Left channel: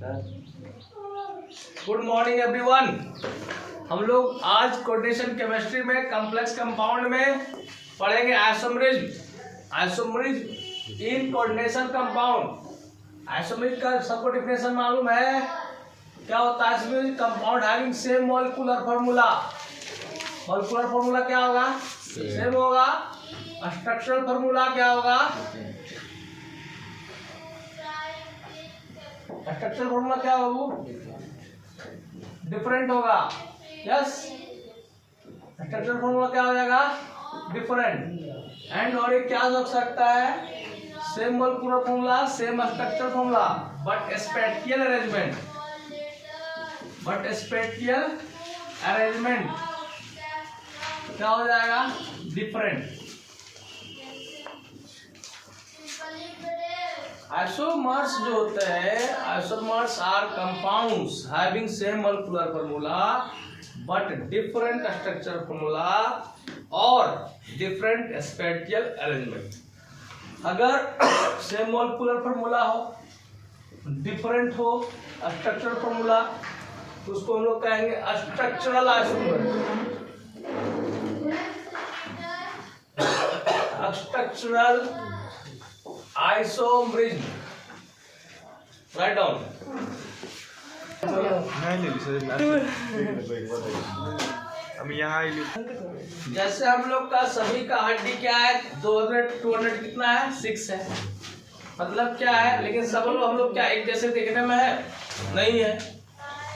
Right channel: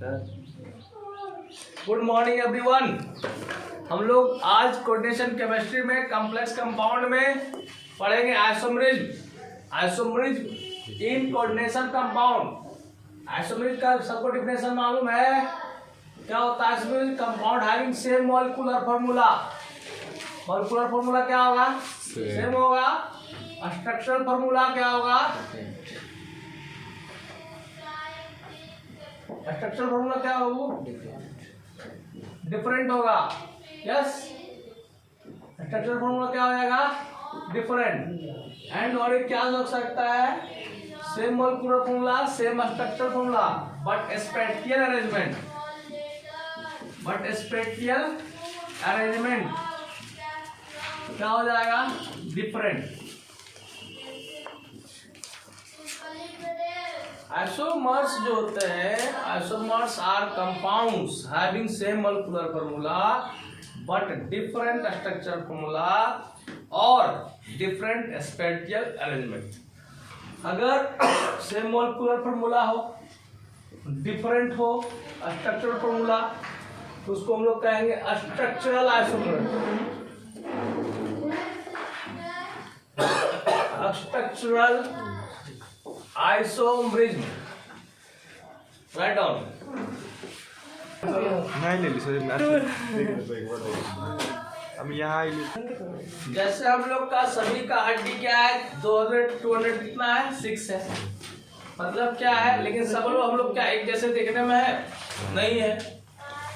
Good morning everyone. हम लोग आज कोऑर्डिनेशन केमिस्ट्री में कॉम्प्लेक्स कंपाउंड में पढ़ेंगे isomerism in coordination compound. Isomerism का सबको डिफिनेशन मालूम है, क्या होता है isomerism? Compound having same molecular formula. Molecular formula क्या होगा? सेम होगा। स्ट्रक्चरल फार्मूला क्या होगा? स्ट्रक्चरल फार्मूला क्या होगा? डिफरेंट होगा। यस, स्ट्रक्चरल फार्मूला क्या हो जाएगा? डिफरेंट। एंड और एक क्या हो सकता है? Same molecular formula, same structural formula, but spatial arrangement क्या हो जाएगा? डिफरेंट। आइसोमर्स जो होते हैं, isomers are compounds having same molecular formula but different structural formula और डिफरेंट स्पेटियल अरेंजमेंट। अगर सेम मॉलिक्यूलर फार्मूला हो, डिफरेंट हो स्ट्रक्चरल फार्मूला, तो उसको हम लोग कहेंगे structural isomers. Structural isomerism. Right down. जैसे हम लोग का सभी का हड्डी क्या है? 200 कितना है? 6 है। मतलब क्या है? लेकिन सब लोग हम लोग क्या एक जैसे देखने में है? नहीं है।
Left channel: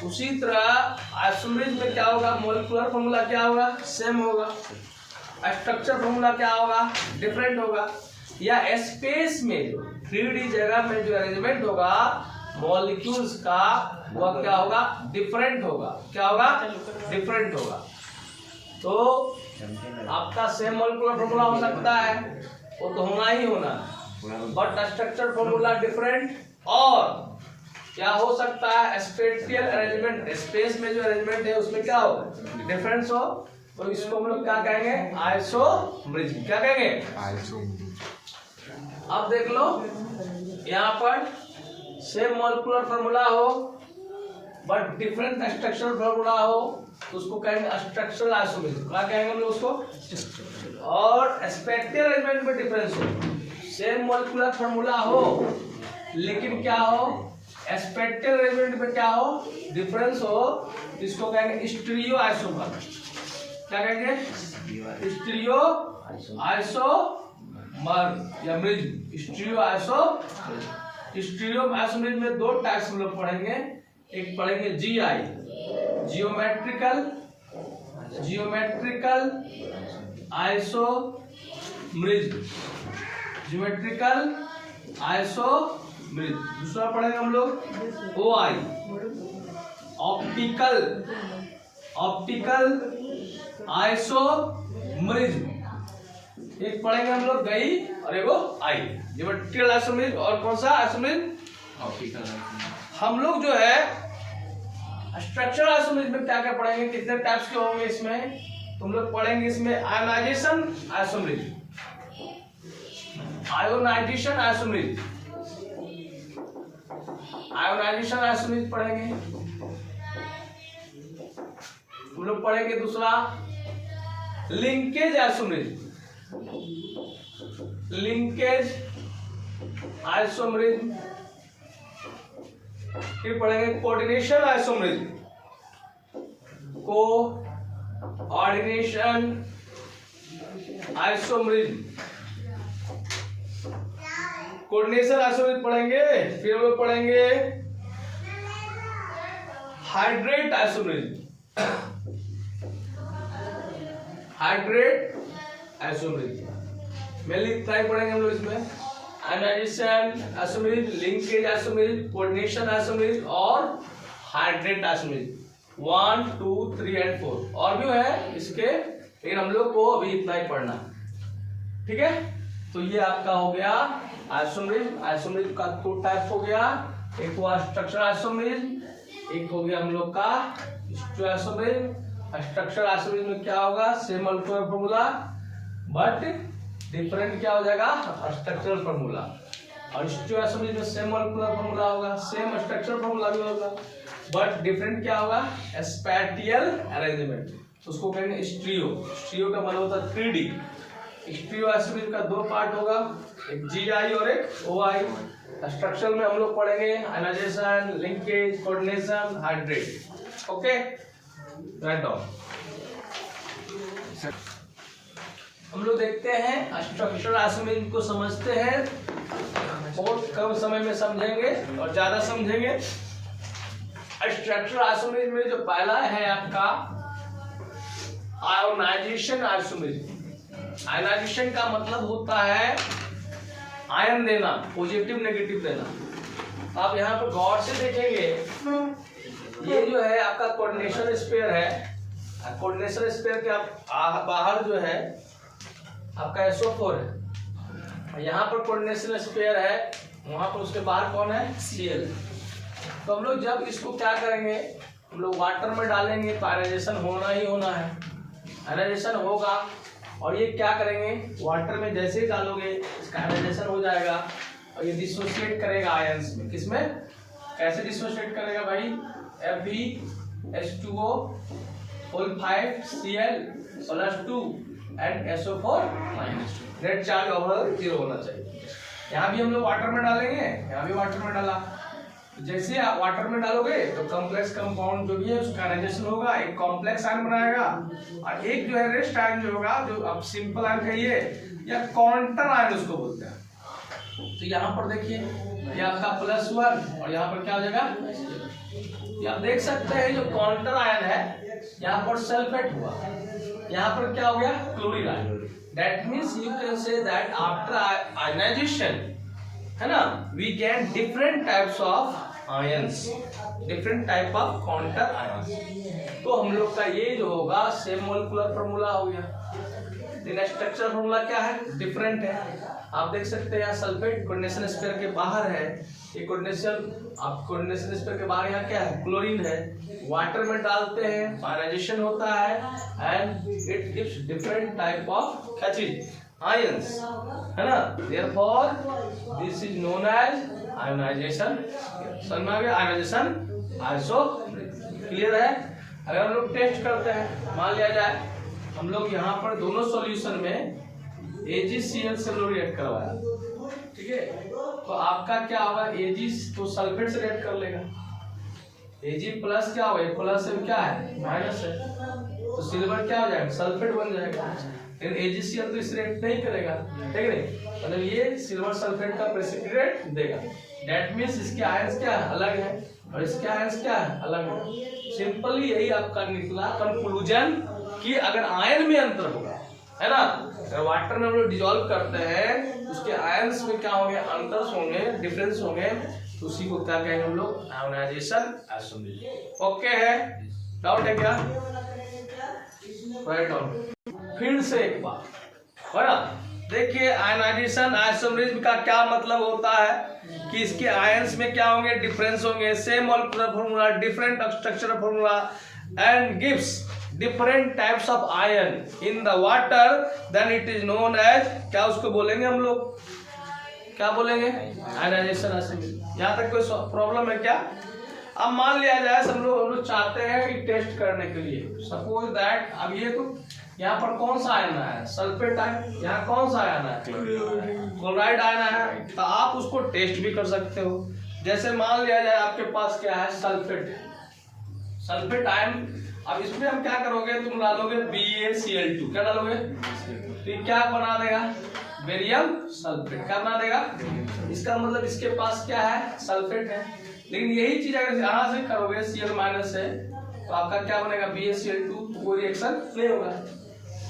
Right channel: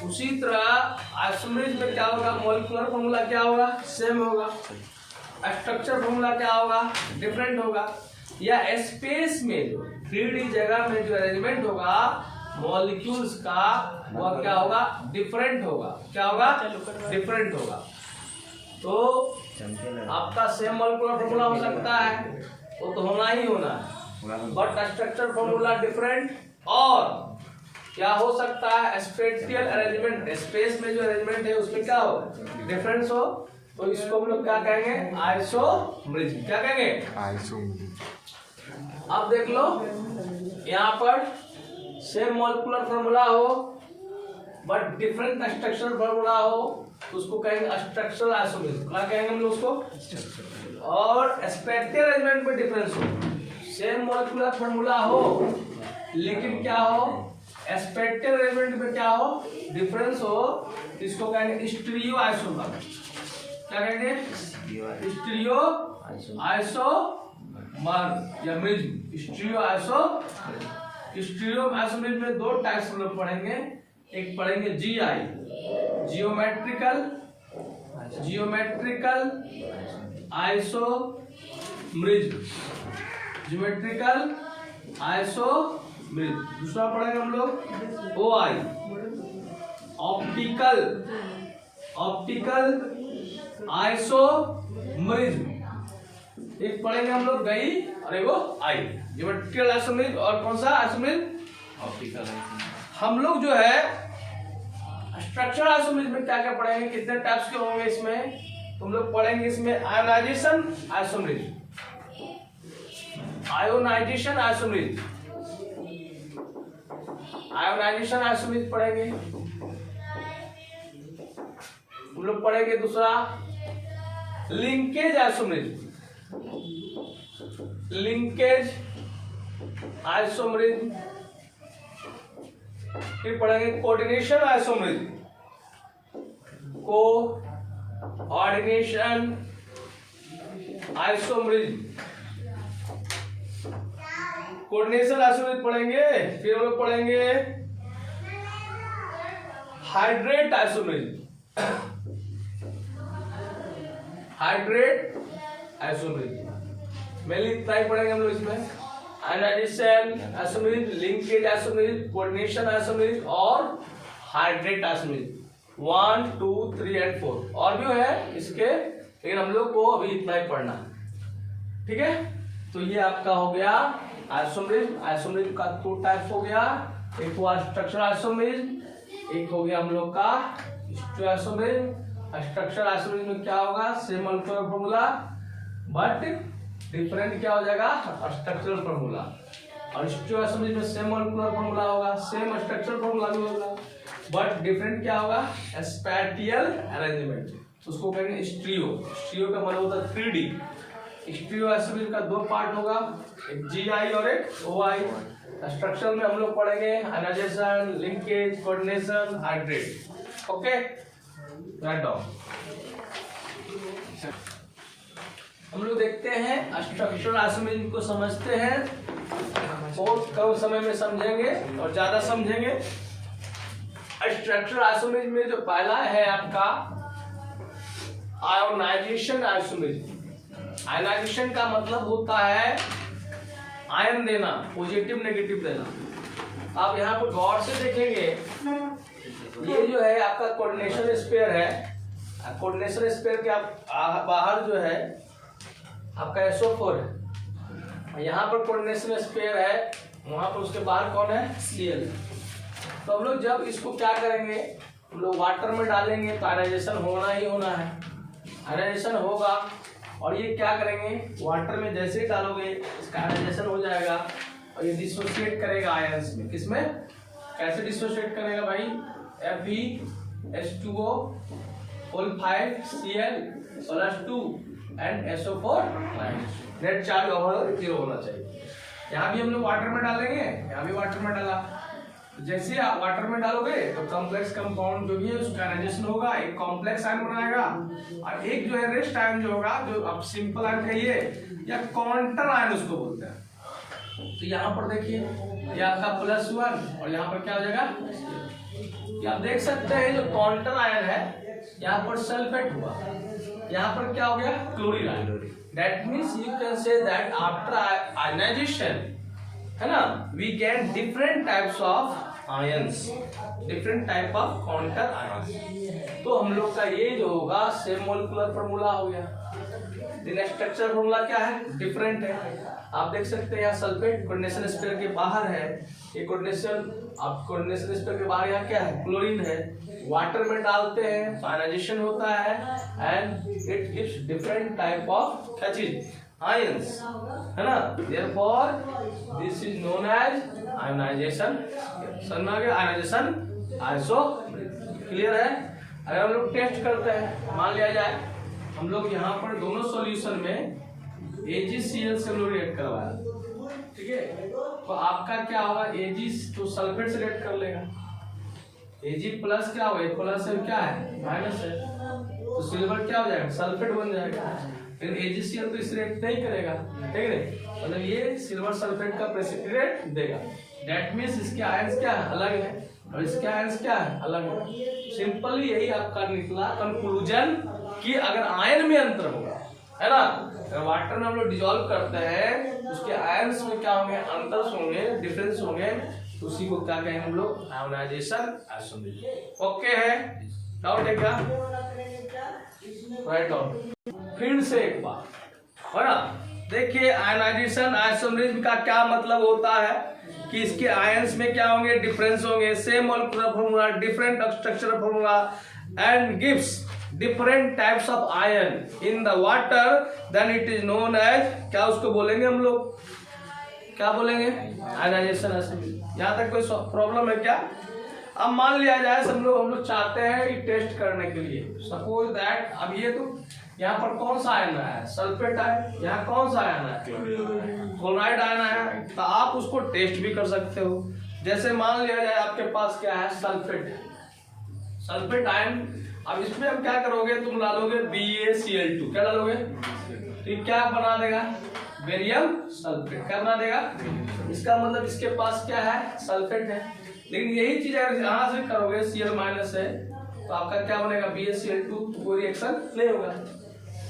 उसी तरह आइसोमरिज्म में क्या होगा? मॉलिक्यूलर फार्मूला क्या होगा? सेम होगा। स्ट्रक्चर फार्मूला क्या होगा? डिफरेंट होगा। या स्पेस में जो 3D जगह में जो अरेंजमेंट होगा मॉलिक्यूल्स का, वह क्या होगा? डिफरेंट होगा। क्या होगा? डिफरेंट होगा। तो आपका सेम मॉलिक्यूलर फार्मूला हो सकता है, वो तो होना ही होना है, बट स्ट्रक्चर फार्मूला डिफरेंट। और क्या हो सकता है? स्पेटियल अरेंजमेंट, स्पेस में जो अरेंजमेंट है उसमें क्या हो? डिफरेंस हो। तो इसको हम लोग क्या कहेंगे? आइसोमरिज्म। क्या कहेंगे? आइसोमरिज्म। अब देख लो, यहाँ पर सेम मॉलिक्यूलर फार्मूला हो बट डिफरेंट स्ट्रक्चरल फार्मूला हो, तो उसको कहेंगे स्ट्रक्चरल आइसोमरिज्म। क्या कहेंगे हम लोग उसको? और स्पेटियल अरेंजमेंट में डिफरेंस हो, सेम मॉलिक्यूलर फार्मूला हो लेकिन क्या हो? स्पेटियल अरेंजमेंट में क्या हो? डिफरेंस हो, इसको कहेंगे स्टीरियो आइसोमर। क्या कहेंगे? स्टीरियो आइसोमर या मिज्म। स्टीरियो आइसोमरिज्म में 2 टाइप्स हम लोग पढ़ेंगे। एक पढ़ेंगे GI, geometrical isomerism. Geometrical isomerism. दूसरा पढ़ेंगे हम लोग ओआई, ऑप्टिकल आइसोमरिज्म। एक पढ़ेंगे हम लोग गई और एगो आई। ज्योमेट्रिकल आइसोमरिज्म और कौन सा आइसोमरिज्म? ऑप्टिकल। हम लोग जो है स्ट्रक्चरल आइसोमरिज्म में क्या क्या पढ़ेंगे? कितने टाइप्स के होंगे इसमें? तुम लोग पढ़ेंगे इसमें आयोनाइजेशन आइसोमरिज्म, पढ़ेंगे। तुम लोग पढ़ेंगे दूसरा लिंकेज आइसोमरिज्म, फिर पढ़ेंगे कोऑर्डिनेशन आइसोमरिज्म, कोऑर्डिनेशन आइसोमरिज्म पढ़ेंगे। फिर हम लोग पढ़ेंगे हाइड्रेट आइसोमरिज्म, मेनली इतना ही पढ़ेंगे हम लोग इसमें। Ionization isomerism, linkage isomerism, coordination isomerism और हाइड्रेट आइसोमरिज्म। 1, 2, 3 और 4 और भी है इसके, लेकिन हम लोग को अभी इतना ही पढ़ना है। ठीक है, तो ये आपका हो गया आइसोमरिज्म। आइसोमरिज्म का 2 टाइप हो गया, एक हुआ स्ट्रक्चरल आइसोमरिज्म, एक हो गया हम लोग का आइसोमरिज्म। स्ट्रक्चरल आइसोमरिज्म में क्या होगा? Same molecular formula but different क्या हो जाएगा? Structural formula. और स्टीरियोसोमरेज में सेम मॉलिक्यूलर फॉर्मूला होगा, सेम स्ट्रक्चर फॉर्मूला भी होगा, बट डिफरेंट क्या होगा, स्पैटियल अरेंजमेंट, उसको कहेंगे स्टीरियो। स्टीरियो का मतलब होता है 3D। स्टीरियोसोमरेज का दो पार्ट होगा, एक GI और एक OI। स्ट्रक्चर में हम लोग पढ़ेंगे ionization, linkage, coordination, hydrate. Okay, right down. हम लोग देखते हैं स्ट्रक्चरल आइसोमेरिज्म को समझते हैं, बहुत कम समय में समझेंगे और ज्यादा समझेंगे। स्ट्रक्चरल आइसोमेरिज्म में जो पहला है आपका आयोनाइजेशन आइसोमेरिज्म। आयोनाइजेशन का मतलब होता है आयन देना, पॉजिटिव नेगेटिव देना। आप यहाँ पर गौर से देखेंगे, ये जो है आपका कोऑर्डिनेशन स्पेयर है। कोऑर्डिनेशन स्पेयर के आप बाहर जो है आपका SO4 है, यहाँ पर कोऑर्डिनेशन स्पेयर है, वहां पर उसके बाहर कौन है, Cl। तो हम लोग जब इसको क्या करेंगे, हम लोग वाटर में डालेंगे तो आयनाइजेशन होना ही होना है। आयनाइजेशन होगा और ये क्या करेंगे, वाटर में जैसे ही डालोगे इसका आयनाइजेशन हो जाएगा और ये डिसोसिएट करेगा आयंस में। किसमें, कैसे डिसोसिएट करेगा भाई, FeH2O whole 5Cl+2 and SO4 net charge over 0 होना चाहिए। यहाँ भी हम लोग वाटर में डालेंगे, यहाँ भी वाटर में डाला। जैसे आप वाटर में डालोगे तो कॉम्प्लेक्स कंपाउंड जो भी है उसका आयनाइजेशन होगा, एक कॉम्प्लेक्स आयन बनाएगा और एक जो है रेस्ट आयन जो होगा, जो आप सिंपल आयन कहिए या काउंटर आयन उसको बोलते हैं। तो यहाँ पर देखिए ये आपका +1 और यहाँ पर क्या हो जाएगा, आप देख सकते हैं जो काउंटर आयन है यहाँ पर सल्फेट हुआ, यहाँ पर क्या हो गया, chlorine ion. That means you can say that after ionization, है ना, we get different types of ions, different type of counter ions. तो हम लोग का ये जो होगा सेम मॉलिक्यूलर फार्मूला हो गया। लेकिन स्ट्रक्चर फार्मूला क्या है, डिफरेंट है। आप देख सकते हैं यहाँ सल्फेट कोऑर्डिनेशन स्पेयर के बाहर है, ये कोऑर्डिनेशन स्पेयर के बाहर यहाँ क्या है, क्लोरीन है। वाटर में डालते हैं तो आयनाइजेशन होता है and it gives different type of क्या चीज, आयंस, है ना। Therefore this is known as ionization. समझ में आ गया, आयोनाइजेशन आइसो, क्लियर है। अगर हम लोग टेस्ट करते हैं, मान लिया जाए हम लोग यहाँ पर दोनों सॉल्यूशन में AgCl से लोग रिएक्ट करवाया, ठीक है, तो आपका क्या होगा, Ag तो सल्फेट से रिएक्ट कर लेगा, Ag प्लस क्या होगा, प्लस है क्या है, माइनस है, तो सिल्वर क्या हो जाएगा, सल्फेट बन जाएगा। लेकिन AgCl तो इस रिएक्ट नहीं करेगा, ठीक है, मतलब ये सिल्वर सल्फेट का प्रेसिपिटेट देगा। दैट मींस इसके आयंस क्या अलग है और इसके आयंस क्या अलग है। सिंपली यही आपका निकला कंक्लूजन कि अगर आयन में अंतर होगा, है ना, अगर वाटर में हम लोग डिजोल्व करते हैं उसके आयंस में क्या होंगे, अंतर होंगे, डिफरेंस होंगे, तो उसी को क्या कहेंगे हम लोग, आयोनाइजेशन आइसोमेरिज्म। ओके है, डाउट है क्या, राइट डाउन। फिर से एक बार, है ना, देखिए आयोनाइजेशन आइसोमेरिज्म का क्या मतलब होता है कि इसके आयंस में क्या होंगे, डिफरेंस होंगे, same molecular formula, different structural formula and gives different types of ion in the water, then it is known as, क्या उसको बोलेंगे हम लोग, क्या बोलेंगे, आयोनाइजेशन आइसोमेरिज्म। यहाँ तक कोई प्रॉब्लम है क्या। अब मान लिया जाए हम लोग चाहते हैं कि टेस्ट करने के लिए, सपोज दैट अब ये तो यहाँ पर कौन सा आयन है, सल्फेट आयन, यहाँ कौन सा आयन है, क्लोराइड आयन है, तो आप उसको टेस्ट भी कर सकते हो। जैसे मान लिया जाए आपके पास क्या है, सल्फेट आयन। अब इसमें हम क्या करोगे, तुम डालोगे BaCl2, क्या डालोगे, फिर क्या बना देगा, बेरियम सल्फेट, क्या बना देगा, इसका मतलब इसके पास क्या है, सल्फेट है। लेकिन यही चीज अगर यहाँ से करोगे Cl- से, तो आपका क्या बनेगा, BaCl2, तो कोई रिएक्शन नहीं होगा।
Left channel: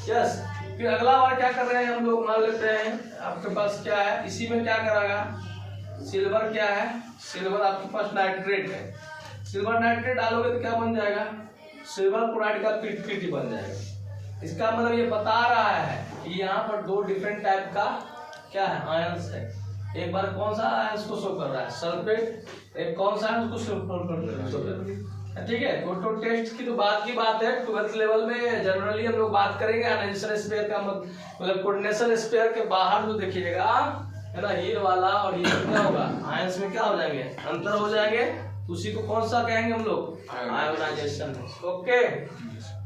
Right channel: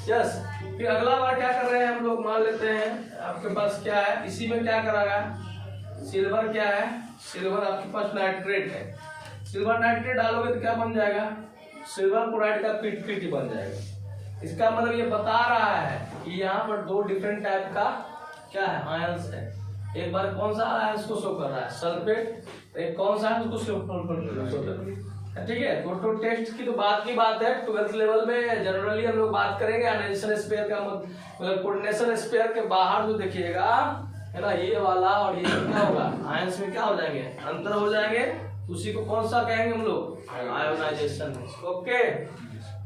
यस, फिर अगला बार क्या कर रहे हैं हम लोग, मान लेते हैं आपके पास क्या है, इसी में क्या करेगा, सिल्वर क्या है, सिल्वर आपके पास नाइट्रेट है, सिल्वर नाइट्रेट डालोगे तो क्या बन जाएगा, सिल्वर क्लोराइड का पीटी बन जाएगा। इसका मतलब ये बता रहा है कि यहाँ पर दो डिफरेंट टाइप का क्या है, आयंस है। एक बार कौन सा आयंस को शो कर रहा है, सल्फेट, एक कौन सा आयंस को शो कर रहा है, ठीक है। तो टेस्ट की तो बात की बात है, 12th लेवल में जनरली हम लोग बात करेंगे आयनाइजेशन स्पेयर का, मतलब कोऑर्डिनेशन स्पेयर के बाहर जो देखिएगा है ना, ये वाला और ये क्या होगा, आयंस में क्या हो जाएंगे, अंतर हो जाएंगे। उसी को कौन सा कहेंगे हम लोग, आयोनाइजेशन। ओके,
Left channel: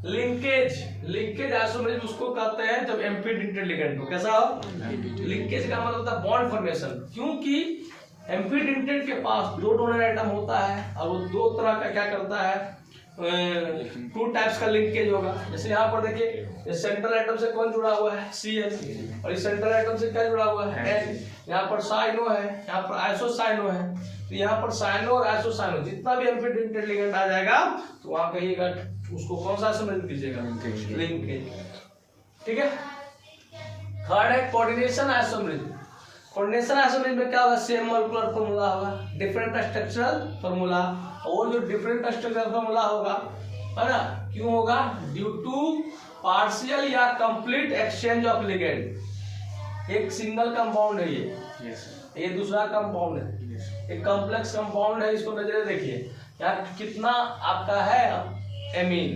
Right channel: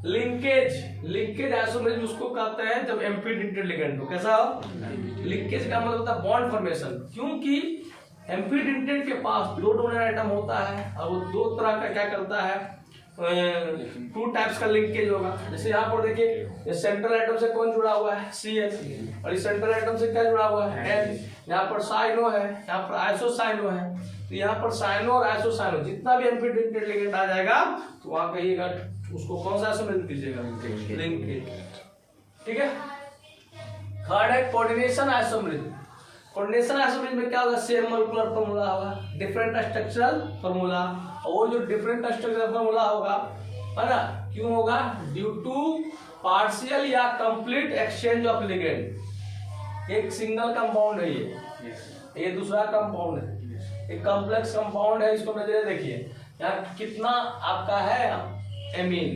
लिंकेज आइसोमरेज उसको कहते हैं जब एम्फिड इंटरलिगेंट हो। कैसा हो, लिंकेज का मतलब होता है बॉन्ड फॉर्मेशन, क्योंकि एम्फिड इंटरलिगेंट के पास दो डोनर एटम होता है और वो दो तरह का क्या करता है, टू टाइप्स का लिंकेज होगा। जैसे यहाँ पर देखिए, सेंट्रल एटम से कौन जुड़ा हुआ है, CH, और इस सेंट्रल एटम से क्या जुड़ा हुआ है, H। यहाँ पर साइनो है, यहाँ पर आइसोसाइनो है, तो यहाँ पर साइनो और आइसोसाइनो जितना भी एम्फिड इंटरलिगेंट आ जाएगा तो वहां कहिएगा उसको कौन सा आइसोमरेज कीजिएगा, लिंकेज। ठीक है। थर्ड है कोऑर्डिनेशन आइसोमरेज। कोऑर्डिनेशन आइसोमरेज में क्या होगा, सेम मॉलिक्यूलर फार्मूला होगा, डिफरेंट स्ट्रक्चरल फार्मूला, और जो डिफरेंट स्ट्रक्चरल फार्मूला होगा, है ना, क्यों होगा, ड्यू टू पार्शियल या कंप्लीट एक्सचेंज ऑफ लिगेंड। एक सिंगल कंपाउंड है ये दूसरा कंपाउंड है, एक कॉम्प्लेक्स कंपाउंड है, इसको नजरे देखिए, यहाँ कितना आपका है एमीन,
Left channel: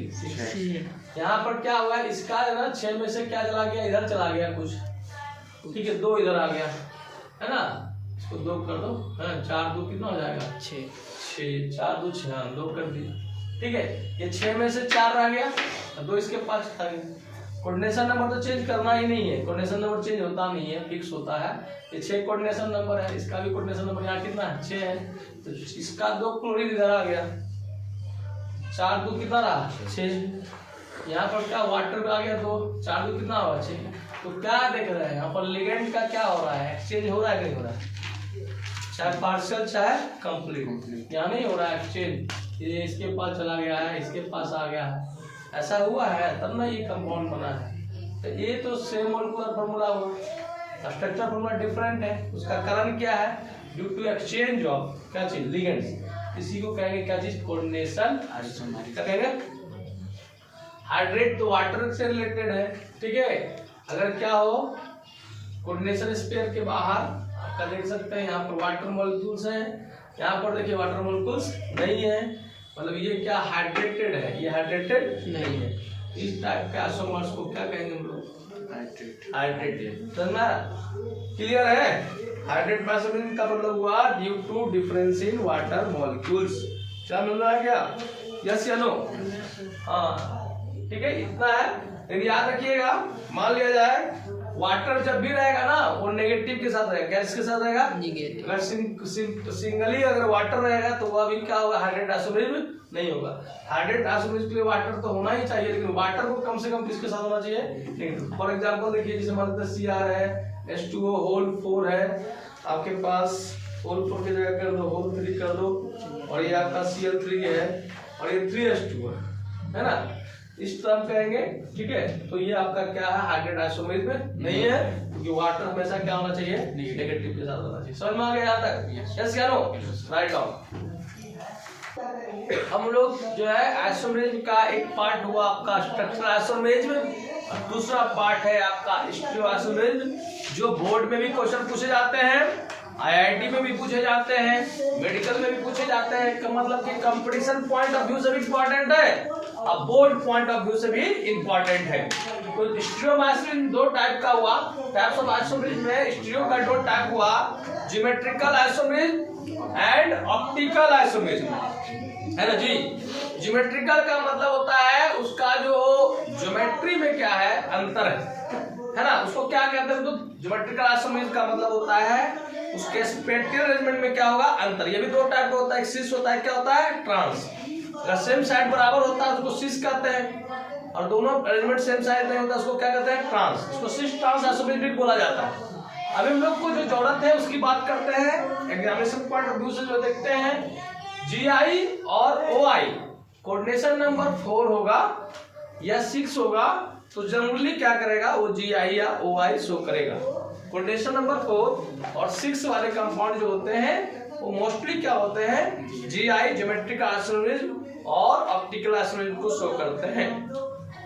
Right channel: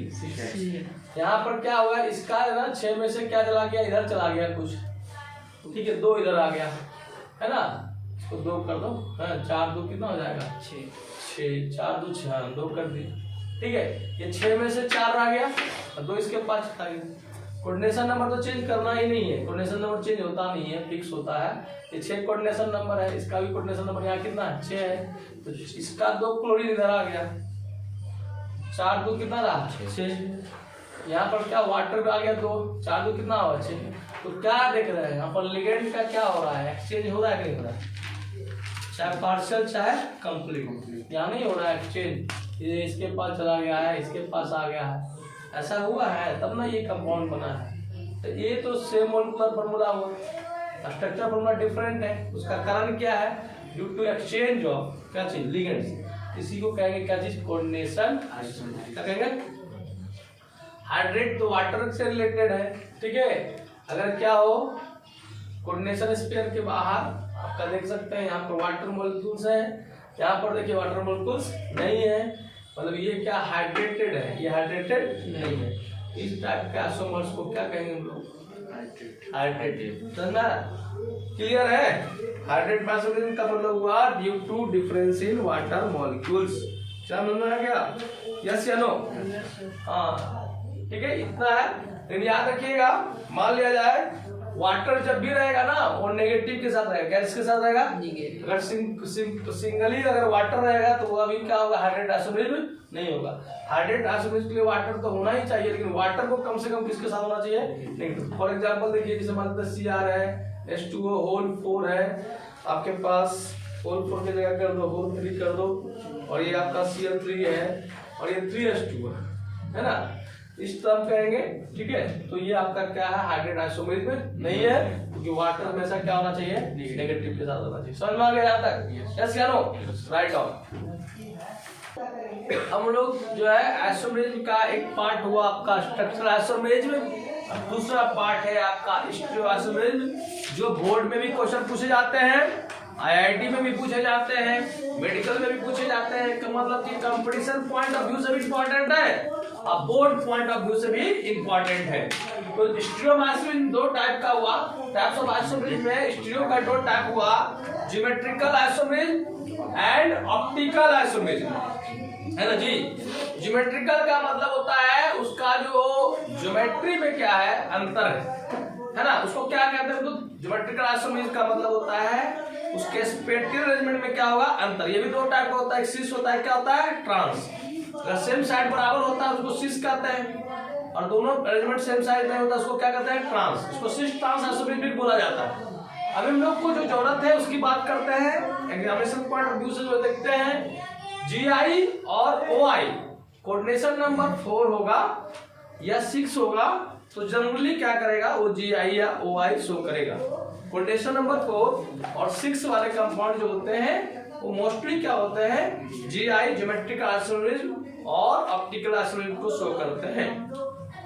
यहाँ पर क्या हुआ, इसका है ना 6 में से क्या चला गया, इधर चला गया कुछ, ठीक है, 2 इधर आ गया, है ना, इसको 2 कर दो, 4 2 कितना हो जाएगा, 6 4 2 6, 2 कर दी, ठीक है। ये 6 में से 4 आ गया और 2 इसके पास आ गया। कोऑर्डिनेशन नंबर तो चेंज करना ही नहीं है, कोऑर्डिनेशन नंबर चेंज होता नहीं है, फिक्स होता है। ये 6 कोऑर्डिनेशन नंबर है, इसका भी कोऑर्डिनेशन नंबर यहाँ कितना है, 6 है, तो इसका 2 क्लोरीन इधर आ गया, 4 2 कितना रहा, 6। यहाँ पर क्या वाटर आ गया 2, 4 2 कितना हुआ, 6। तो क्या देख रहे हैं यहाँ पर, लिगेंड का क्या हो रहा है, एक्सचेंज हो रहा है नहीं हो रहा है, चाहे पार्शियल चाहे कंप्लीट, यहाँ नहीं हो रहा है एक्सचेंज, ये इसके पास चला गया है, इसके पास आ गया है, ऐसा हुआ है तब ना ये कंपाउंड बना है। तो ये तो सेम मॉलिक्यूलर फार्मूला हुआ, स्ट्रक्चर फार्मूला डिफरेंट है, उसका कारण क्या है, ड्यू टू एक्सचेंज ऑफ क्या चीज, लिगेंड्स। इसी को कहेंगे क्या चीज, कोऑर्डिनेशन। क्या कहेंगे, हाइड्रेट तो वाटर से रिलेटेड है, ठीक है। अगर क्या हो, कोऑर्डिनेशन स्फीयर के बाहर आपका देख सकते हैं, यहाँ पर वाटर मॉलिक्यूल्स है, यहाँ पर देखिए वाटर मॉलिक्यूल्स नहीं है, मतलब ये क्या हाइड्रेटेड है, ये हाइड्रेटेड नहीं है। इस टाइप के आइसोमर्स को क्या कहेंगे हम लोग, हाइड्रेटेड। समझना, क्लियर है। हाइड्रेट आइसोमर का मतलब हुआ due to difference in water molecules. क्या मिल रहा है, क्या यस या नो, हाँ ठीक है, इतना है। लेकिन याद रखिएगा, मान लिया जाए वाटर जब भी रहेगा ना वो नेगेटिव के साथ रहेगा, क्या इसके साथ रहेगा, अगर सिंगली अगर वाटर रहेगा तो वह भी क्या होगा, हाइड्रेट आइसोमरेज नहीं होगा। हाइड्रेट आइसोमरेज के लिए वाटर तो होना ही चाहिए, लेकिन वाटर को कम से कम किसके साथ होना चाहिए। फॉर एग्जांपल देखिए, जैसे मान लीजिए Cr है, H2O होल 4 है, आपके पास होल 4 की जगह कर दो होल 3 कर दो, और ये आपका Cl3 है और ये 3H2O है ना, इस तरह कहेंगे, ठीक है। तो ये आपका क्या है, हाइड्रेट आइसोमरेज में नहीं है, क्योंकि वाटर हमेशा क्या होना चाहिए, नेगेटिव के साथ होना चाहिए। समझ में आ गया यहाँ तक, यस या नो, राइट डाउन। हम लोग जो है आइसोमरेज का एक पार्ट हुआ आपका स्ट्रक्चरल आइसोमरेज, और दूसरा पार्ट है आपका स्टीरियो आइसोमरेज, जो बोर्ड में भी क्वेश्चन पूछे जाते हैं, IIT में भी पूछे जाते हैं, मेडिकल में भी पूछे जाते हैं। इसका मतलब कि कंपटीशन पॉइंट ऑफ व्यू से भी इंपॉर्टेंट है और बोर्ड पॉइंट ऑफ व्यू से भी इंपॉर्टेंट है। तो स्टीरियो आइसोमरेज 2 टाइप का हुआ, टाइप्स ऑफ आइसोमरेज में स्टीरियो का 2 टाइप हुआ, geometrical isomerase and optical isomerase, है ना जी। ज्योमेट्रिकल का मतलब होता है उसका जो ज्योमेट्री में क्या है, अंतर है ना, उसको क्या कहते हैं। तो ज्योमेट्रिकल आइसोमरेज का मतलब होता है उसके स्पेटियल अरेंजमेंट में क्या होगा, अंतर। ये भी 2 टाइप का होता है, एक सिस होता है, क्या होता है, ट्रांस। अगर सेम साइड बराबर होता है उसको सिस कहते हैं, और दोनों अरेंजमेंट सेम साइड नहीं होता उसको क्या कहते हैं, ट्रांस। इसको सिस ट्रांस आइसोमरेज भी बोला जाता है। अभी हम लोग को जो जरूरत है उसकी बात करते हैं, एग्जामिनेशन पॉइंट ऑफ व्यू से जो देखते हैं, GI और OI कोऑर्डिनेशन नंबर 4 होगा या 6 होगा, तो जनरली क्या करेगा वो GI या OI शो करेगा। कोऑर्डिनेशन नंबर 4 और 6 वाले कंपाउंड जो होते हैं वो मोस्टली क्या होते हैं, GI ज्योमेट्रिकल आइसोमरेज और ऑप्टिकल आइसोमरेज को शो करते हैं।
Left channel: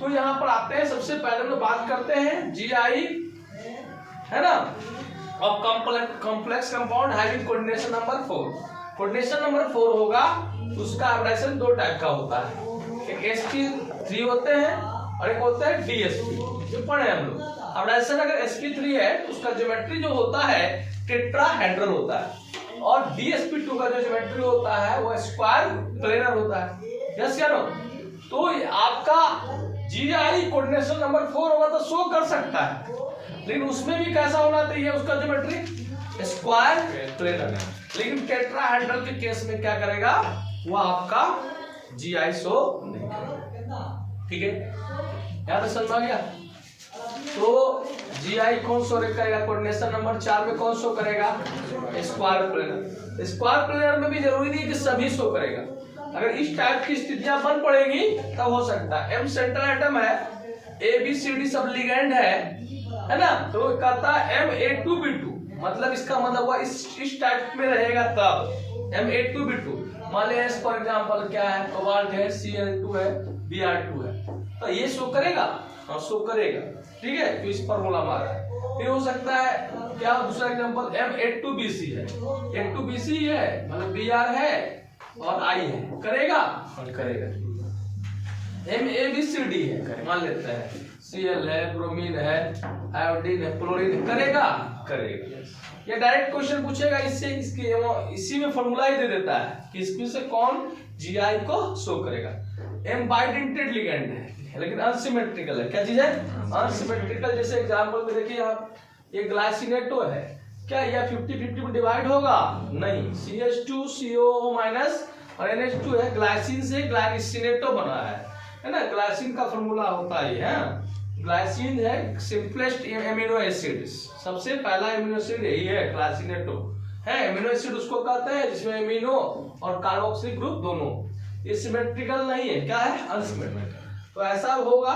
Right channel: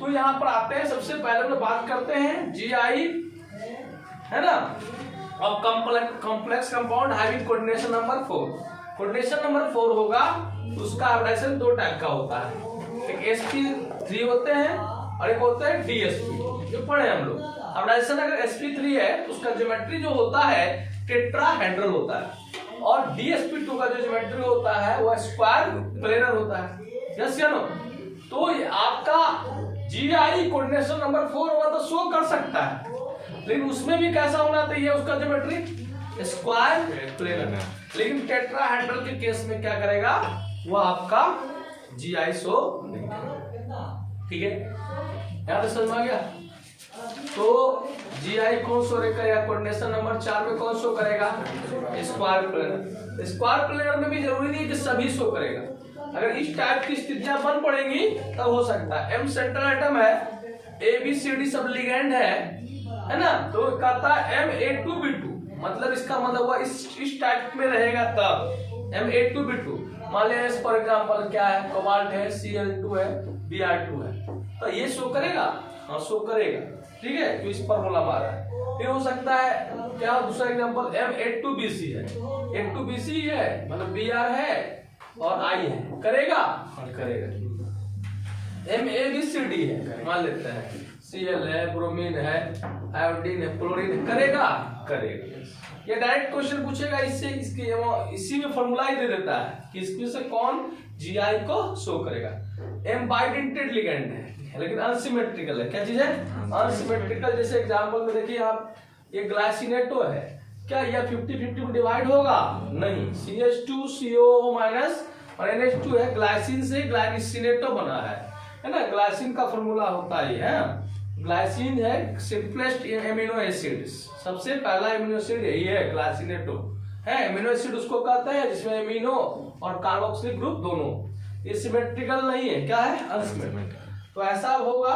तो यहाँ पर आते हैं, सबसे पहले हम बात करते हैं GI, है ना, और complex compound having coordination number 4। Coordination number 4 होगा, उसका हाइब्रिडाइजेशन 2 टाइप का होता है, एक sp3 होते हैं और एक होता है DSP, जो पढ़े हम लोग। अब ऐसा अगर sp3 है तो उसका ज्योमेट्री जो होता है टेट्राहेड्रल होता है, और dsp2 का जो ज्योमेट्री होता है वो स्क्वायर प्लेनर होता है। यस या नो? तो आपका GI कोऑर्डिनेशन नंबर 4 होगा तो शो कर सकता है, लेकिन उसमें भी कैसा होना चाहिए उसका ज्योमेट्री स्क्वायर प्लेनर। लेकिन टेट्राहेड्रल के केस में क्या करेगा वो आपका GI शो नहीं करेगा। ठीक है, याद समझ आ गया? तो GI कौन शो करेगा या कोऑर्डिनेशन नंबर 4 में कौन शो करेगा? Square planar. स्क्वायर प्लेनर में भी जरूरी नहीं कि सभी शो करेगा, अगर इस टाइप की स्थितियां बन पड़ेगी तब हो सकता है। M सेंट्रल एटम है, ABCD सब लिगेंड है ना, तो कहता है Ma2B2, मतलब इसका मतलब हुआ इस टाइप में रहेगा तब Ma2B2। मान लिया फॉर एग्जांपल क्या है, कोबाल्ट है, Cl2 है, Br2 है, तो ये शो करेगा? हाँ शो करेगा। ठीक है, तो इस फॉर्मूला मारा है। फिर हो सकता है क्या, दूसरा एग्जांपल M82BC है, 82BC है मतलब Br है और I है, करेगा? हाँ करेगा। MABCD है, मान लेते हैं Cl है, ब्रोमीन है, आयोडीन है, क्लोरीन है, करेगा? करेगा। ये डायरेक्ट क्वेश्चन पूछेगा इससे, इसी में फॉर्मूला ही दे देता है कि इसमें से कौन GI को शो करेगा। M बाइडेंटेड लिगेंड है लेकिन अनसिमेट्रिकल है। क्या चीज है? अनसिमेट्रिकल। जैसे एग्जांपल में देखिए आप, ये ग्लाइसिनेटो है, क्या यह 50-50 में डिवाइड होगा? नहीं। CH2COO माइनस और NH2 है, ग्लाइसिन से ग्लाइसिनेटो बना है ना। ग्लाइसिन का फॉर्मूला होता है ग्लाइसिन है सिंपलेस्ट एमिनो एसिड, सबसे पहला एमिनो एसिड यही है, ग्लाइसिनेटो है। एमिनो एसिड उसको कहते हैं जिसमें एमिनो और कार्बोक्सिलिक ग्रुप दोनों, ये सिमेट्रिकल नहीं है, क्या है? अनसिमेट्रिकल। तो ऐसा होगा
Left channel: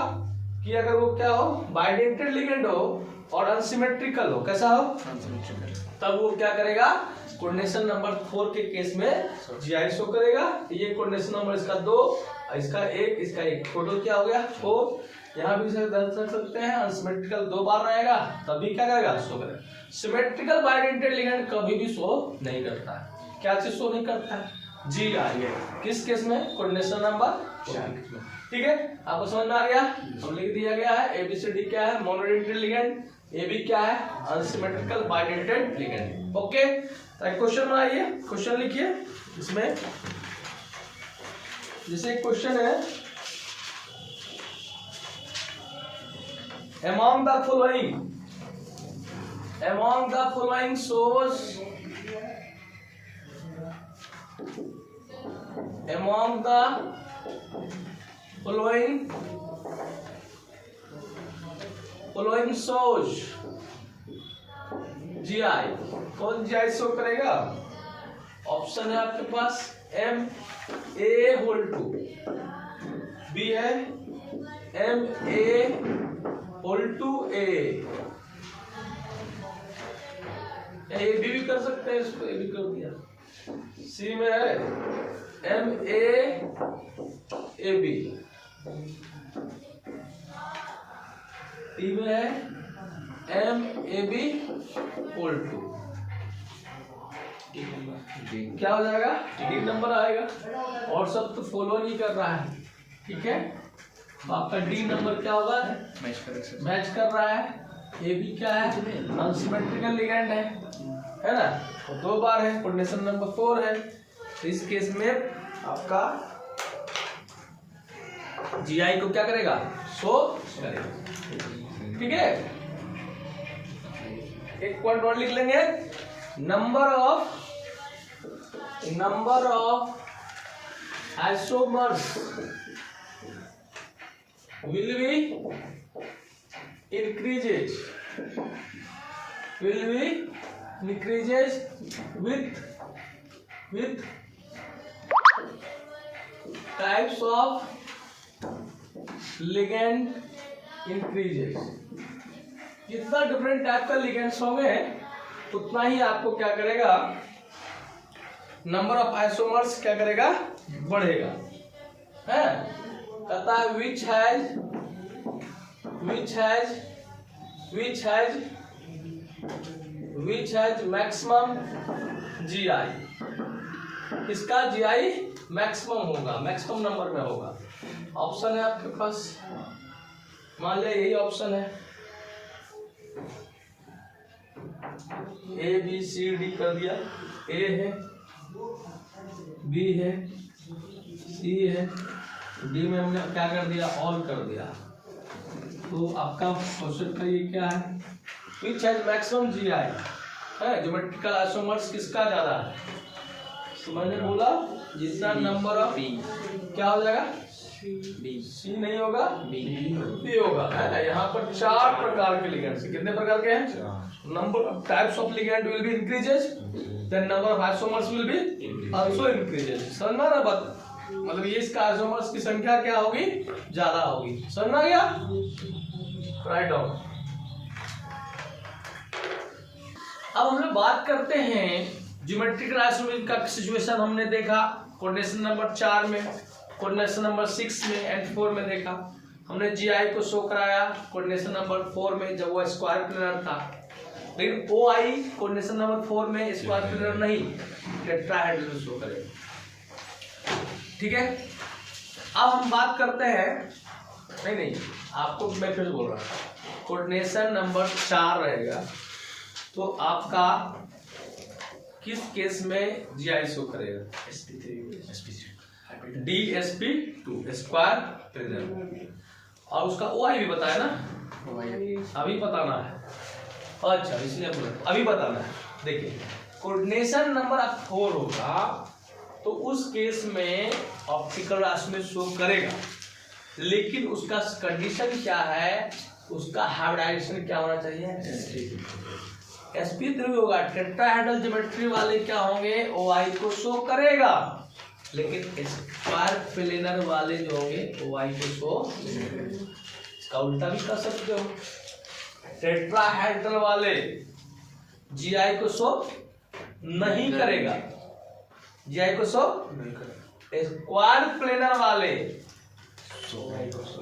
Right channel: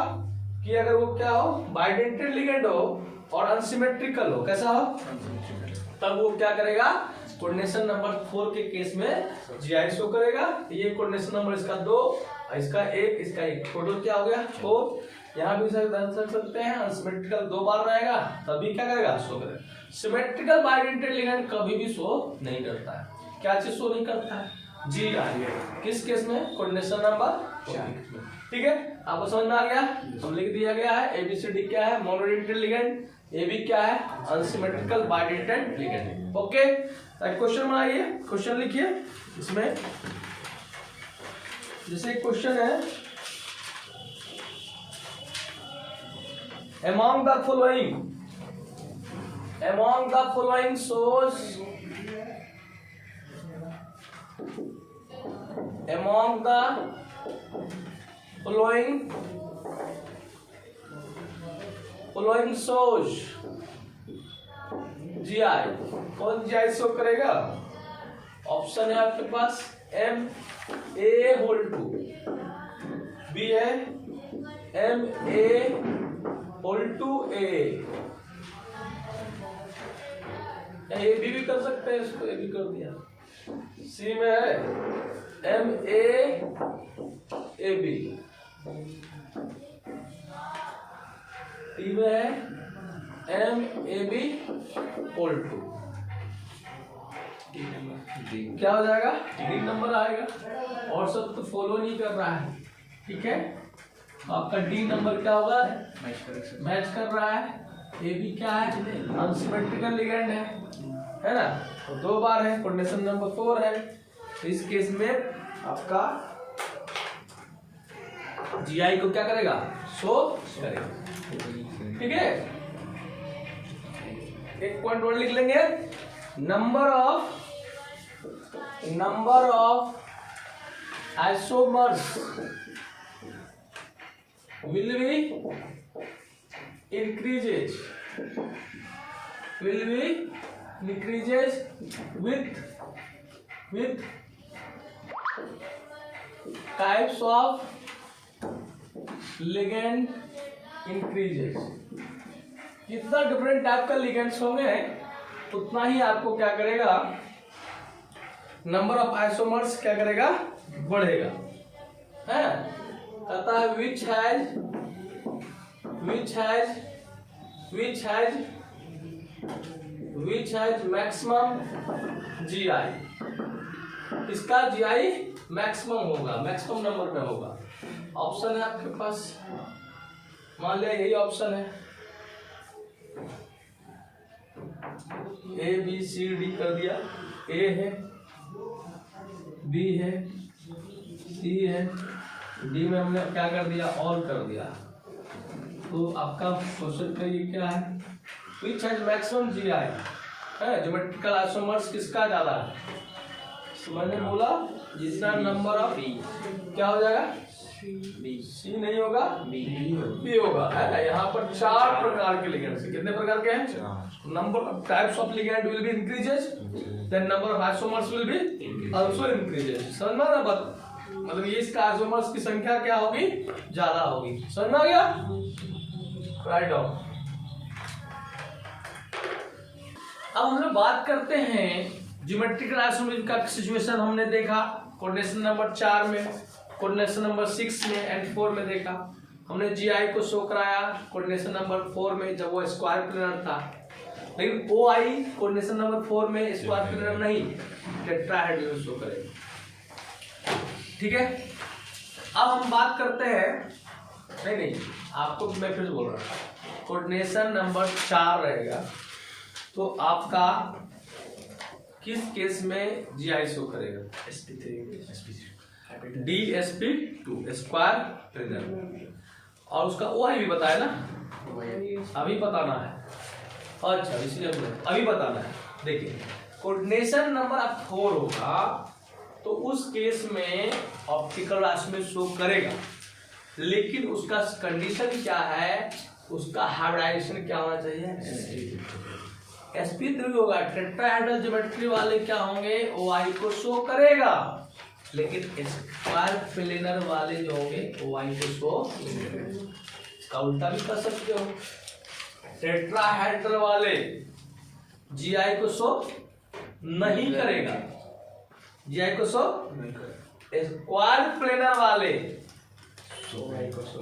कि अगर वो क्या हो, बाइडेंटेड लिगेंड हो और अनसिमेट्रिकल हो, कैसा हो? तब वो क्या करेगा? कोऑर्डिनेशन नंबर 4 के केस में GI शो करेगा। ये कोऑर्डिनेशन नंबर इसका 2, इसका 1, इसका 1, टोटल क्या हो गया? 4। यहाँ भी दर्ज सकते हैं, अनसिमेट्रिकल 2 बार रहेगा तभी क्या करेगा? शो करेगा। सिमेट्रिकल बाइडेंटेड लिगेंड कभी भी शो नहीं करता है। क्या चीज शो नहीं करता है? GI। किस केस में? Coordination number 4। ठीक है, आपको समझ में आ गया? हम लिख दिया गया है ABCD क्या है? मोनोडेंटेड लिगेंड, AB क्या है? Unsymmetrical bidentate ligand. Okay, question बनाइए, क्वेश्चन लिखिए। इसमें जैसे क्वेश्चन है, among the following shows GI, कौन GI शो करेगा? ऑप्शन है आपके पास Ma2, B है Ma2A, ए भी कर सकते हैं, इसको ए भी कर दिया। सी में है MAAB, टी में है MAB2। क्या हो जाएगा? डी नंबर आएगा, और सब तो फॉलो नहीं कर रहा है। ठीक है, आपका डी नंबर क्या होगा? मैच कर रहा है। ए बी क्या है? अनसिमेट्रिकल लिगेंड है ना, तो 2 बार है, कोऑर्डिनेशन नंबर 4 है। तो इस केस में आपका GI को क्या करेगा? शो करेगा। ठीक है, एक पॉइंट और लिख लेंगे, number of isomers will be increases with types of ligand increases। जितना डिफरेंट टाइप का लिगेंड्स होंगे उतना ही आपको क्या करेगा? नंबर ऑफ आइसोमर्स क्या करेगा? बढ़ेगा। है, कहता है which has maximum GI, इसका GI मैक्सिमम होगा, मैक्सिमम नंबर में होगा। ऑप्शन है आपके पास, मान लिया यही ऑप्शन है, ए बी सी डी कर दिया, ए है, बी है, सी है, डी में हमने क्या कर दिया, ऑल कर दिया। तो आपका क्वेश्चन का ये क्या है, विच हैज मैक्सिमम जी आई है, ज्योमेट्रिकल आइसोमर्स किसका ज्यादा है। तो मैंने बोला जितना नंबर ऑफ क्या हो जाएगा, सी नहीं होगा, बी होगा, है ना। यहाँ पर 4 प्रकार के लिगेंड, कितने प्रकार के हैं, number of types of ligand will be increases, then number of isomers will be also increases. समझ में आ रहा बात, मतलब ये इसका आइसोमर्स की संख्या क्या होगी, ज्यादा होगी। समझ में आ गया, राइट डाउन। अब हम लोग बात करते हैं ज्योमेट्रिकल आइसोमर्स का सिचुएशन। हमने देखा कोऑर्डिनेशन नंबर 4 में, कोऑर्डिनेशन नंबर 6 में एंड 4 में देखा हमने जीआई को शो कराया कोऑर्डिनेशन नंबर 4 में जब वो स्क्वायर प्लेनर था, लेकिन ओआई कोऑर्डिनेशन नंबर 4 में स्क्वायर प्लेनर नहीं, टेट्राहेड्रल शो करेगा। ठीक है, अब हम बात करते हैं, नहीं आपको मैं फिर बोल रहा हूँ, कोऑर्डिनेशन नंबर 4 रहेगा तो आपका किस केस में जीआई शो करेगा, DSP2 स्क्वायर प्लेनर, और उसका ओआई भी बताया ना, अभी बताना है। अच्छा, इसलिए अभी बताना है। देखिए कोऑर्डिनेशन नंबर 4 होगा तो उस केस में ऑप्टिकल आइसोमर शो करेगा, लेकिन उसका कंडीशन क्या है, उसका हाइब्रिडाइजेशन क्या होना चाहिए, sp3 होगा। टेट्राहेड्रल ज्योमेट्री वाले क्या होंगे, ओआई को शो करेगा, लेकिन स्क्वायर प्लेनर वाले जो होंगे ओआई को शो, इसका उल्टा भी कर सकते हो, टेट्राहेड्रल वाले जीआई को शो नहीं करेगा, जीआई को शो, स्क्वायर प्लेनर वाले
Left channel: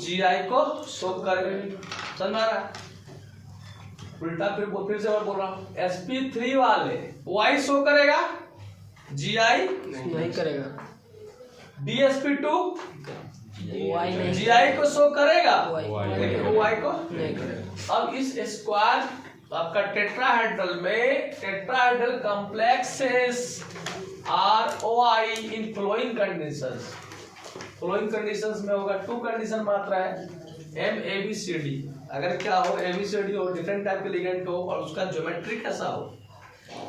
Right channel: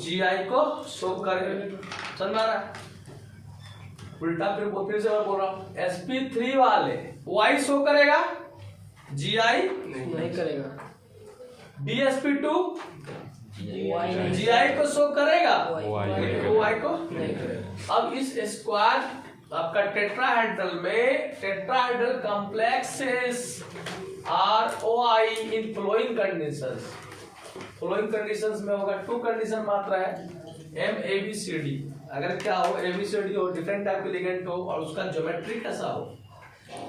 जीआई को शो करेगा। समझ आ रहा है, उल्टा फिर से मैं बोल रहा हूँ, sp3 वाले ओआई शो करेगा, जीआई नहीं करेगा, DSP2 जीआई को शो करेगा, लेकिन ओआई को नहीं करेगा। अब इस स्क्वायर आपका टेट्राहेड्रल में, tetrahedral complexes are OI in flowing conditions, flowing conditions में होगा 2 कंडीशन मात्र है, MABCD। अगर क्या हो, ABCD हो, डिफरेंट टाइप के लिगेंड हो और उसका ज्योमेट्री कैसा हो,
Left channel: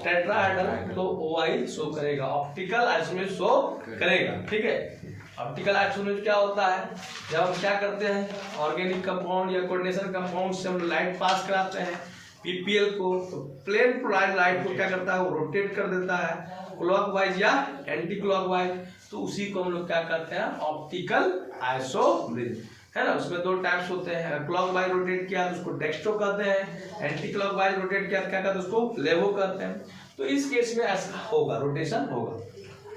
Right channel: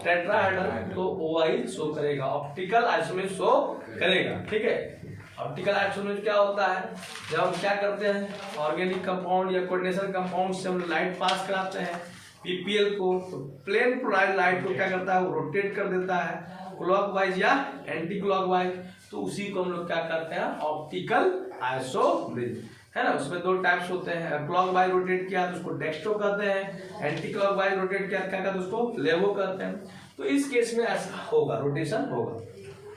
टेट्राहेड्रल, तो ओआई शो करेगा, ऑप्टिकल आइसोमर शो करेगा। ठीक है, ऑप्टिकल आइसोमर क्या होता है, जब हम क्या करते हैं ऑर्गेनिक कंपाउंड या कोऑर्डिनेशन कंपाउंड से हम लाइट पास कराते हैं पीपीएल को, तो प्लेन पोलराइज लाइट को क्या करता है, वो रोटेट कर देता है क्लॉकवाइज या एंटी क्लॉकवाइज, तो उसी को हम लोग क्या करते हैं, ऑप्टिकल आइसोमर, है ना। उसमें 2 टाइप्स होते हैं, क्लॉकवाइज रोटेट किया तो उसको डेक्स्ट्रो कहते हैं, एंटी क्लॉकवाइज रोटेट किया क्या कहते हैं, उसको लेवो कहते हैं। तो इस केस में ऐसा होगा, रोटेशन होगा,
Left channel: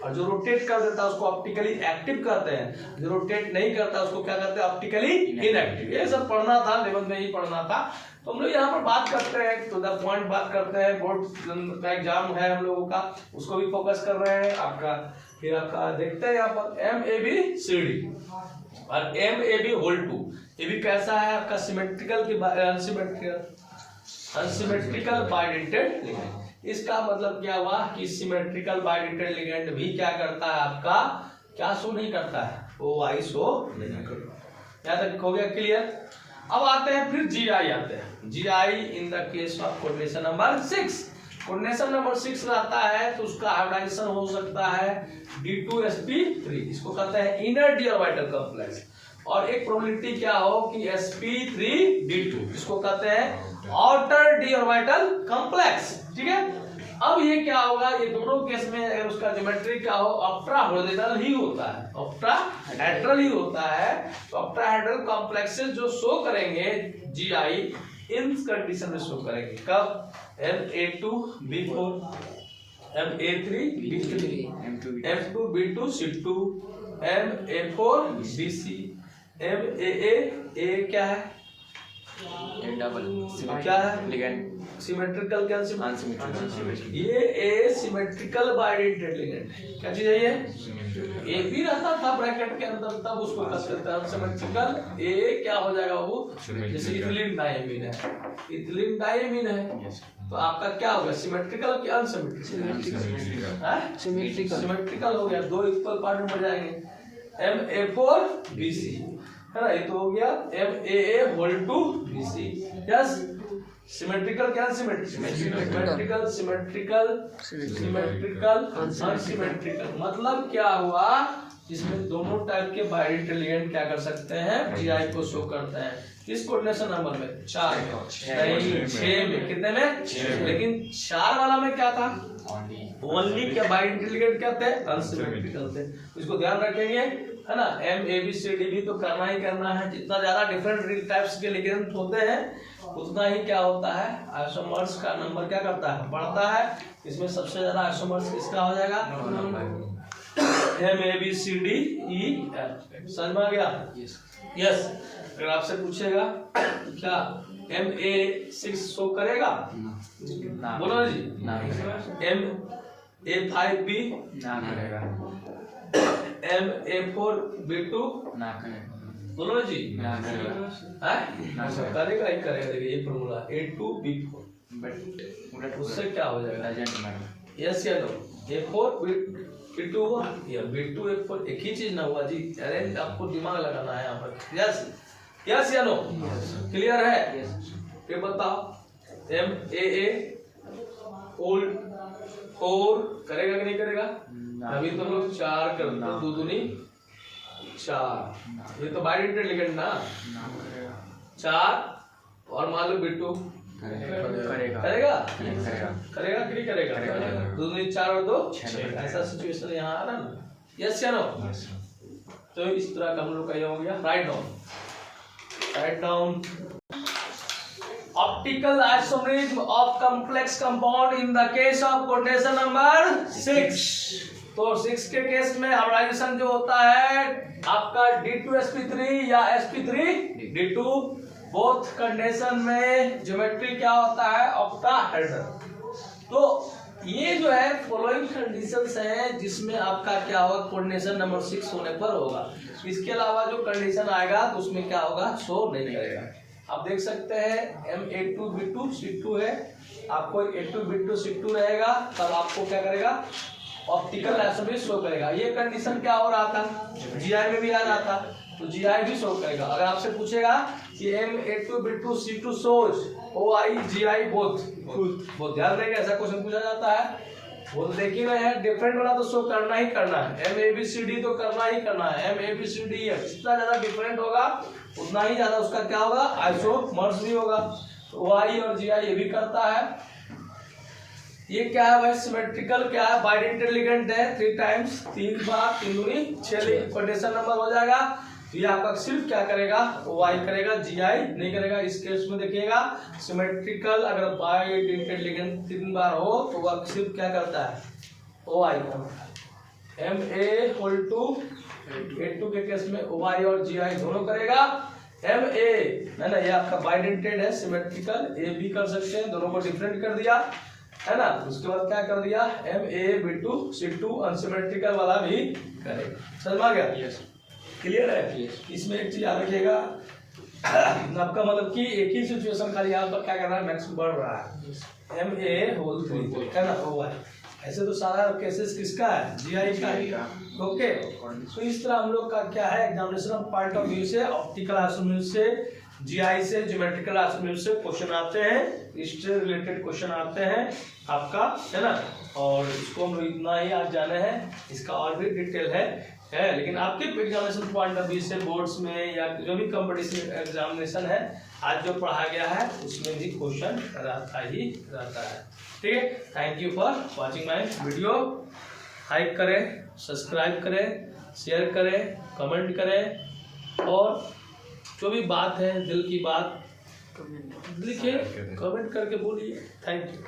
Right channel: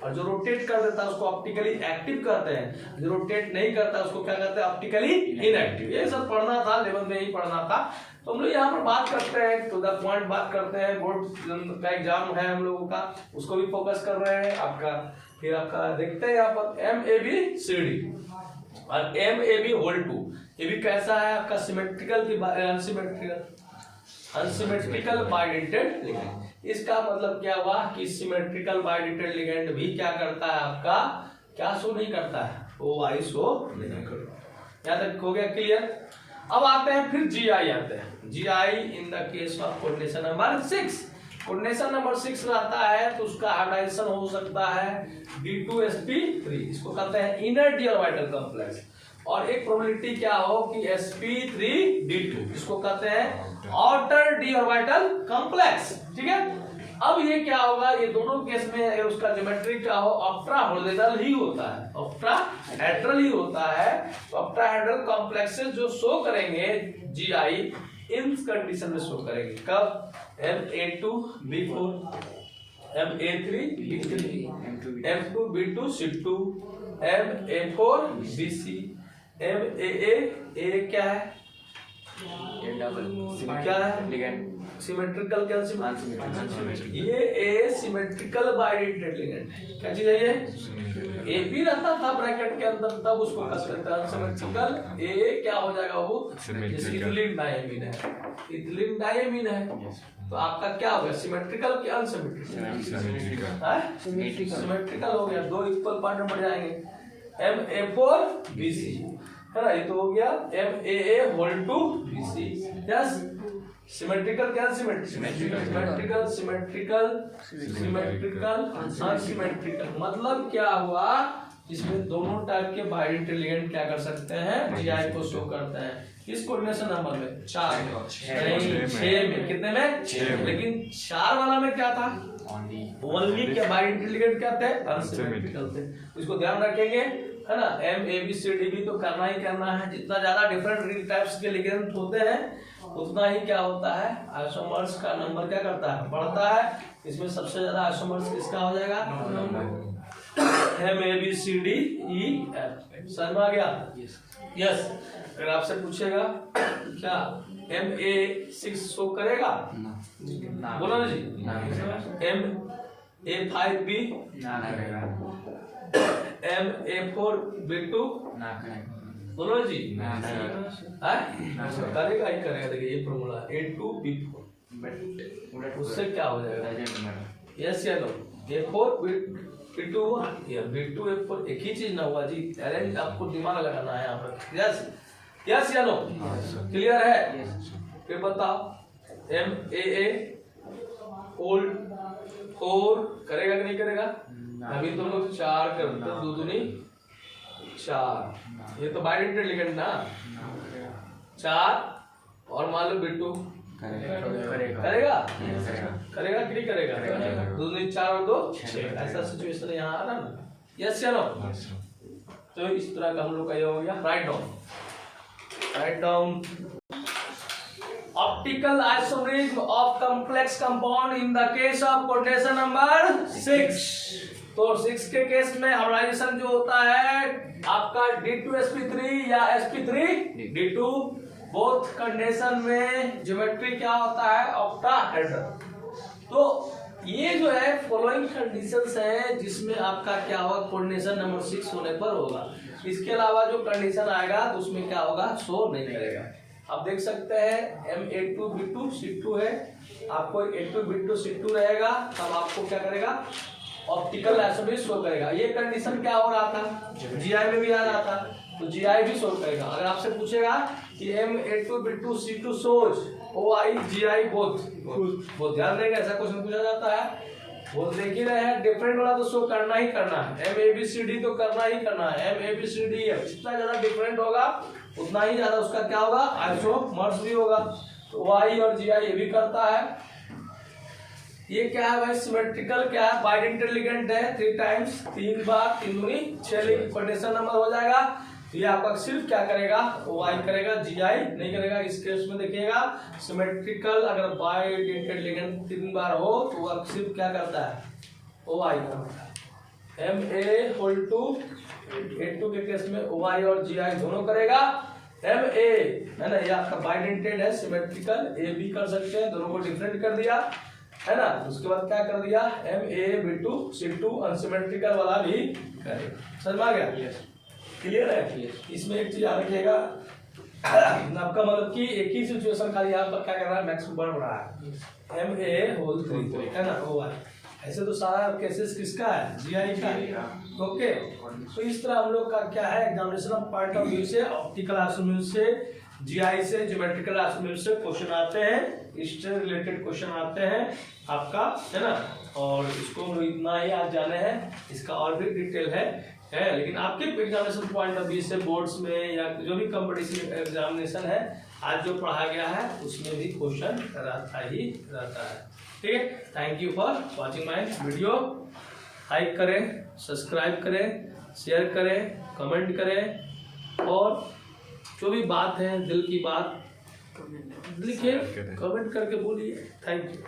और जो रोटेट कर देता है उसको ऑप्टिकली एक्टिव कहते हैं, जो रोटेट नहीं करता उसको क्या कहते हैं, ऑप्टिकली इनएक्टिव। ये सब पढ़ना था, 11 में ही पढ़ना था। तो हम लोग यहाँ पर बात करते हैं, टू द पॉइंट बात करते हैं, बोर्ड का एग्जाम है हम लोगों का, उसको भी फोकस कर रहे हैं आपका। फिर आपका देखते हैं यहाँ पर MABCD और MAB होल 2, ये भी कैसा है आपका, सिमेट्रिकल की अनसिमेट्रिकल बाइडेंटेड लिगेंड। इसका मतलब क्या हुआ कि सिमेट्रिकल बाइडेंटेड लिगेंड भी क्या करता है, आपका क्या शो नहीं करता है, ओआई शो नहीं करता। यहाँ तक हो गया क्लियर। अब आते हैं फिर जीआई आते हैं, GI in the case of coordination number 6। Coordination number 6 रहता है तो उसका हाइब्रिडाइजेशन हो सकता है D2sp3, इसको कहते हैं इनर डी ऑर्बिटल कॉम्प्लेक्स, और एक प्रोबेबिलिटी क्या हो कि sp3d2, इसको कहते हैं आउटर डी ऑर्बिटल कॉम्प्लेक्स। ठीक है, अब ये क्या होगा, ये दोनों केस में अगर उसका ज्योमेट्री क्या हो, ऑक्ट्राहेड्रल ही होता है, ऑक्ट्राहेड्रल ही होता है, तो ऑक्ट्राहेड्रल कॉम्प्लेक्सेस जो शो करेंगे जीआई इन कंडीशन में शो करेंगे, कब, MA2B4, MA3B3, M2B2C2, MA4BC, MAA क्या है, डबल क्या है, लिगेंड सिमेट्रिकल क्या ये ए सिमेट्रिकल बाइडेंटेड लिगेंड है। क्या चीज है ये? ए भी रहता था ब्रैकेट के अंदर, तब उसको कहते थे अनसिमेट्रिकल। ए क्या हो जाएगा वो, जैसे इथिलीन डायमीन है, इथिलीन डायमीन है, तो आपका क्या हो गया, सिमेट्रिकल क्या अनसिमेट्रिकल? सिमेट्रिकल हो गया, दो इक्वल पार्ट में बढ़ जाएंगे। MA4BC है ना, ये तो हो गया MAA whole two BC। Yes, symmetrical क्या सिमेट्रिकल सिमेट्रिकल अनसिमेट्रिकल मतलब क्या हुआ, इसमें दोनों टाइप के बाइडेंटेड लिगेंड क्या कर सकते हैं, जीआई को शो करते हैं। किस कोऑर्डिनेशन नंबर में? 4 में, नहीं 6 में। कितने में? 6 में। लेकिन 4 वाला में क्या था, ओनली क्या बाइडेंटेड लिगेंड क्या थे, अनसिमेट्रिकल थे। इसको ध्यान रखेंगे है ना। MABCD भी तो करना ही करना है। जितना ज्यादा डिफरेंट रिंग टाइप्स के लिगेंड होते हैं उतना ही क्या होता है, आइसोमर्स का नंबर क्या करता है, बढ़ता है। इसमें सबसे ज्यादा आइसोमर्स किसका हो जाएगा, MABCDEF। समझ में आ गया? यस। अगर आपसे पूछेगा क्या MA6 शो करेगा, बोलो ना जी। MA5B MA4B2 बोलो ना जी। करेगा ही करेगा। देखिए ये फॉर्मूला A2B4, उससे क्या हो जाएगा, यस या नो? A4B2 या B2 A4 एक ही चीज ना हुआ जी। अरेंज आपको दिमाग लगाना है यहाँ पर। यस यस या नो? क्लियर है? फिर बताओ MAA होल 4 करेगा कि नहीं करेगा? अभी तो लोग 4 करते हैं, 2 दूनी 4। ये तो बाइडेंटेड लिगेंड ना, 4 और मान लो B2 करेगा करेगा कि नहीं करेगा? 2 दूनी 4 और 2 6। ऐसा सिचुएशन यहाँ आ रहा ना। यस या नो? तो इस तरह का हम लोग का ये हो गया। Write down optical isomerism of complex compound in the case of coordination number 6। तो 6 के केस में हाइब्रिडाइजेशन जो होता है आपका D2sp3 या sp3D2, बोथ कंडीशन में ज्योमेट्री क्या होता है, ऑक्टाहेड्रल। तो ये जो है फॉलोइंग कंडीशंस हैं जिसमें आपका क्या होगा, कोऑर्डिनेशन नंबर 6 होने पर होगा। इसके अलावा जो कंडीशन आएगा तो उसमें क्या होगा, शो नहीं करेगा। आप देख सकते हैं MA2B2C2 है, आपको A2B2C2 रहेगा, तब आपको क्या करेगा, ऑप्टिकल आइसोमरिज्म शो करेगा। ये कंडीशन क्या हो रहा था, जीआई में भी आ रहा था, तो जीआई भी शो करेगा। अगर आपसे पूछेगा कि MA2B2C2 shows OI GI both ध्यान देंगे, ऐसा क्वेश्चन पूछा जाता है। वो देख ही रहे हैं, डिफरेंट वाला तो शो करना ही करना है। MABCD तो करना ही करना है। MABCDEF जितना ज्यादा डिफरेंट होगा उतना ही ज्यादा उसका क्या होगा, आइसोमर्स भी होगा। तो OI और GI ये भी करता है। ये क्या है भाई, सिमेट्रिकल क्या है, बाइडेंटेड लिगेंड है। 3 टाइम्स 3 बार 3 दूनी 6 कंडीशन नंबर हो जाएगा। तो ये आपका सिर्फ क्या करेगा, OI करेगा, GI नहीं करेगा। इस केस में देखिएगा सिमेट्रिकल अगर बाइडेंटेड लिगेंड 3 बार हो तो वह सिर्फ क्या करता है, OI करता है। MA होल टू A2 के केस में OI और GI दोनों करेगा। MA है ना, ये आपका बाइडेंटेड है, सिमेट्रिकल A भी कर सकते हैं, दोनों को डिफरेंट कर दिया है ना। उसके बाद क्या कर दिया, MAB2C2 अनसिमेट्रिकल वाला भी करेगा। समझ में आ गया? क्लियर है? इसमें एक चीज याद रखिएगा, आपका मतलब कि एक ही सिचुएशन खाली यहाँ पर क्या कर रहा है, मैक्स बढ़ रहा है। MA होल 3 है ना, OI। ऐसे तो सारा केसेस किसका है, GI का है। ओके, तो इस तरह हम लोग का क्या है, एग्जामिनेशन पॉइंट ऑफ व्यू से ऑप्टिकल आइसोमरिज्म से, GI से, ज्योमेट्रिकल आइसोमरिज्म से क्वेश्चन आते हैं, इससे रिलेटेड क्वेश्चन आते हैं आपका, है ना। और इसको हम लोग इतना ही आज जाने हैं, इसका और भी डिटेल है। लेकिन आपके एग्जामिनेशन पॉइंट ऑफ व्यू से बोर्ड्स में या जो भी कंपटीशन एग्जामिनेशन है आज जो पढ़ा गया है उसमें भी क्वेश्चन रहता ही रहता है। ठीक है, thank you for watching my video. Like करें, सब्सक्राइब करें, शेयर करें, कमेंट करें, और जो भी बात है दिल की बात लिखिए, कमेंट करके बोलिए। Thank you.